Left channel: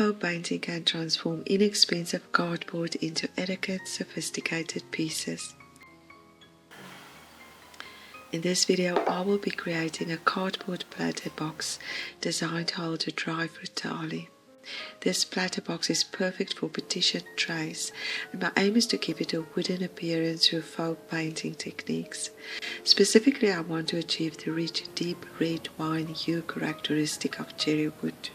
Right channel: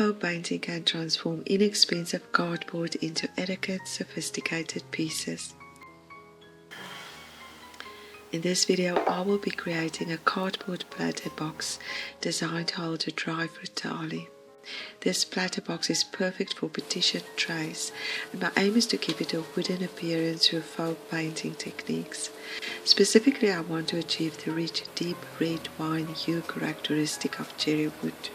faux painting can transform inexpensive cardboard into elegant, sophisticated pieces. In this video, I will be creating a cardboard platter box designed to hold a dry fruit thali. This platter box is perfect for petition trays, and my aim is to keep it a wooden appearance through faux painting techniques. Specifically, I want to achieve the rich, deep red wine hue characteristic of cherry wood.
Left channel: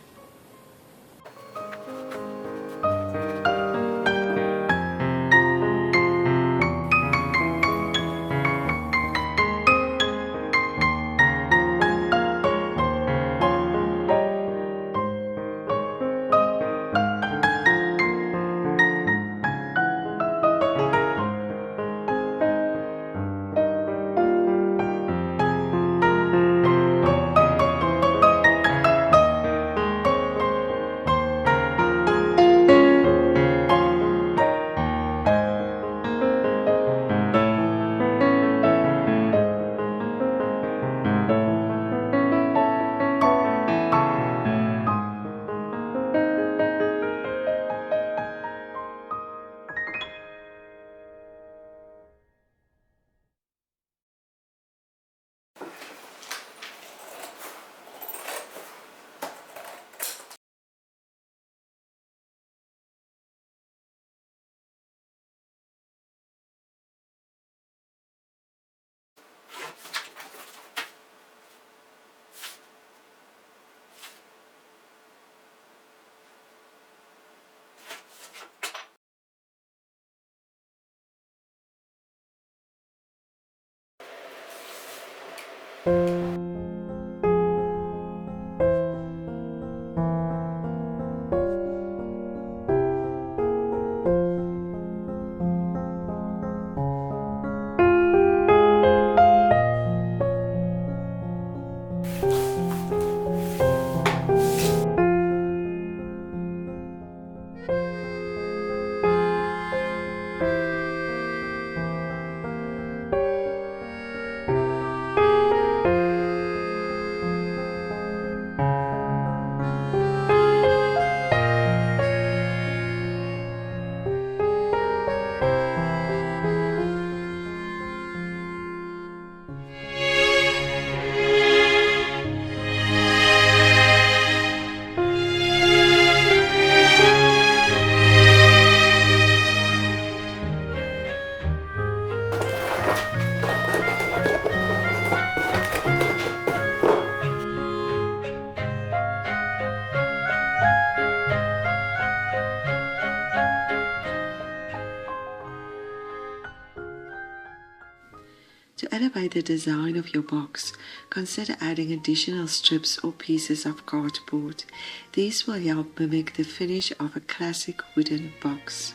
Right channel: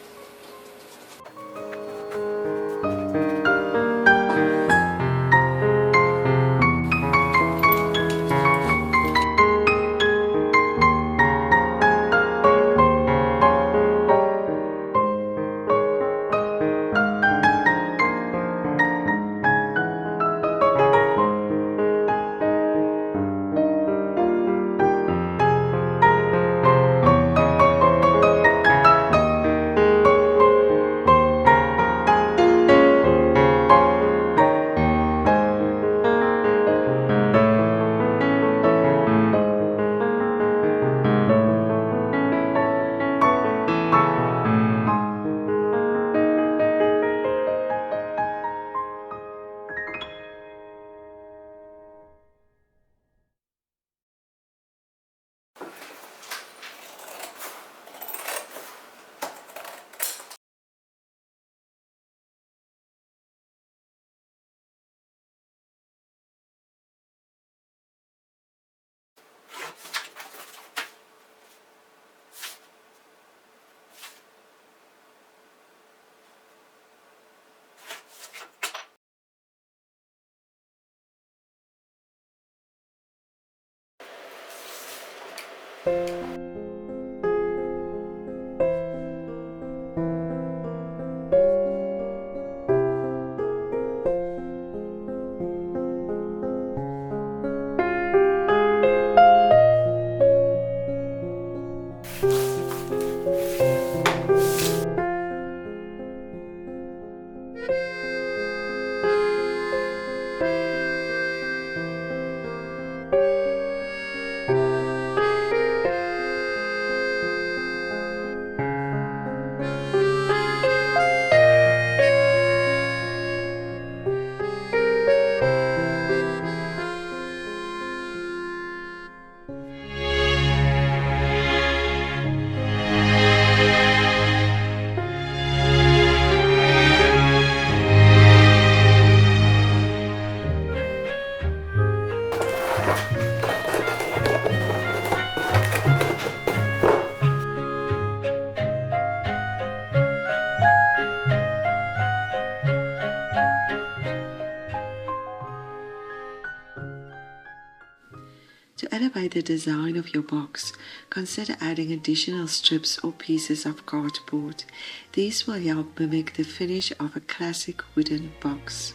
To elevate the design of your box, consider adding additional strips or pieces of cardboard. These will help mimic the finish of a classic wooden box.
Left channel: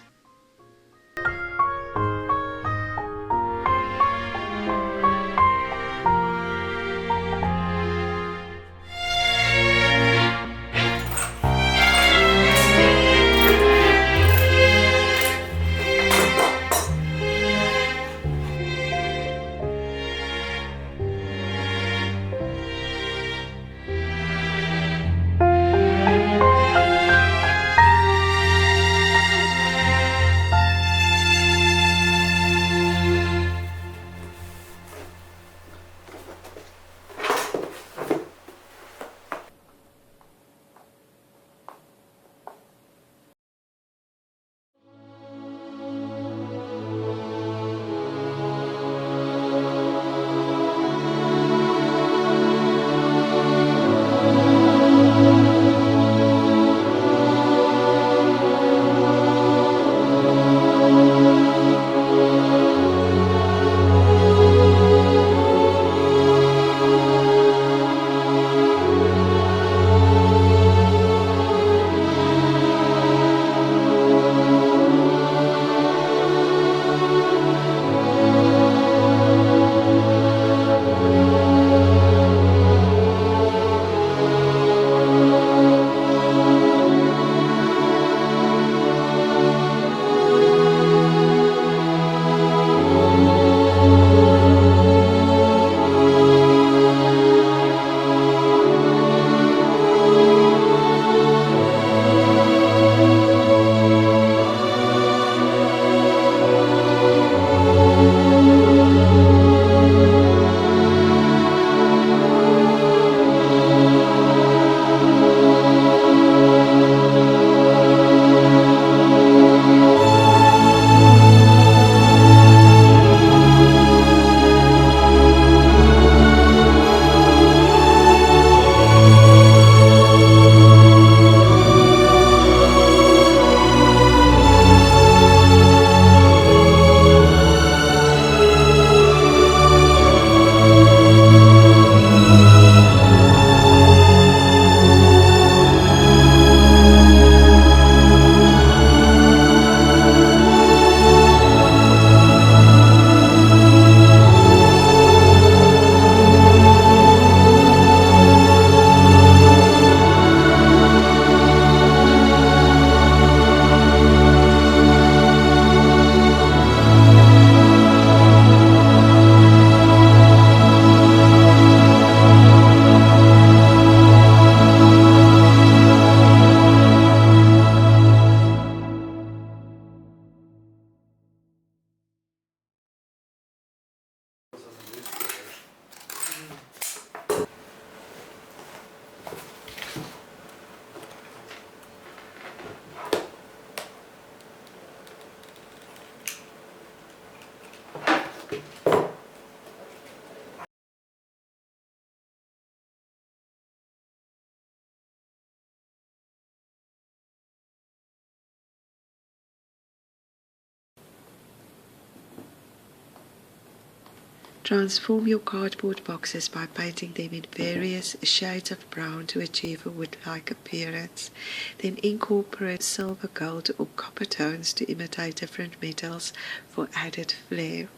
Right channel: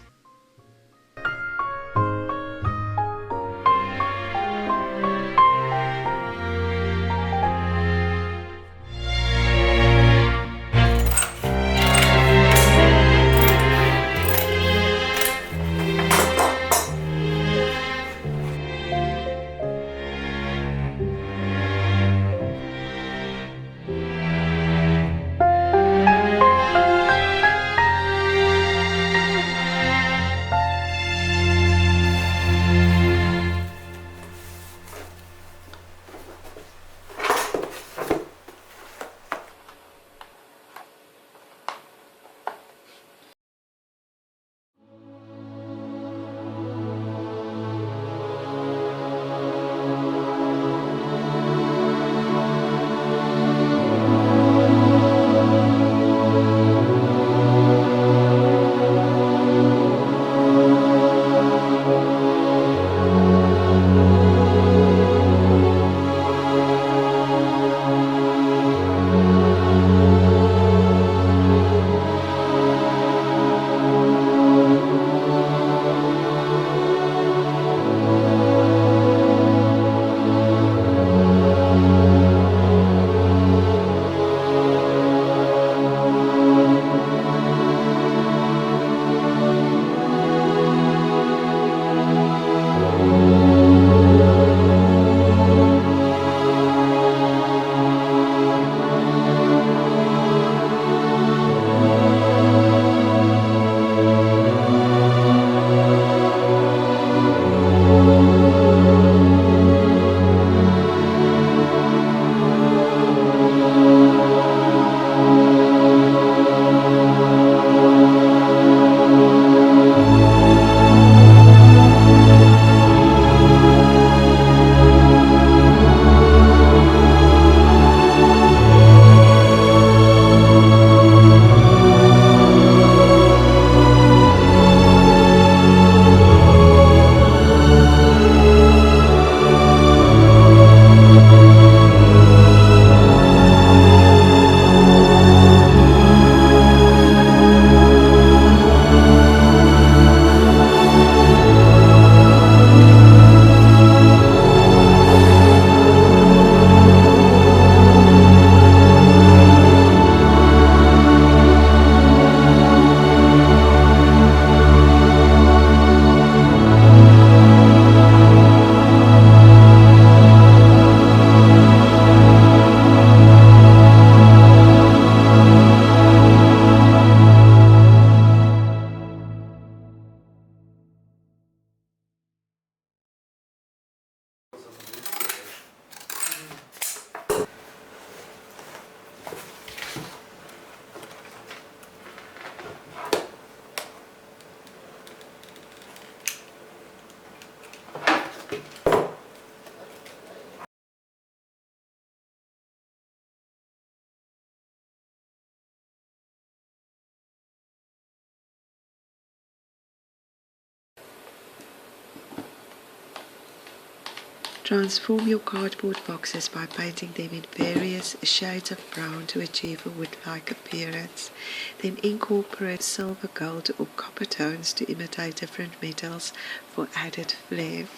Transform your cardboard boxes by painting them in various shades of brown to achieve a wood-like appearance. Then incorporate silver, gold or copper tones to imitate different metals for added flair.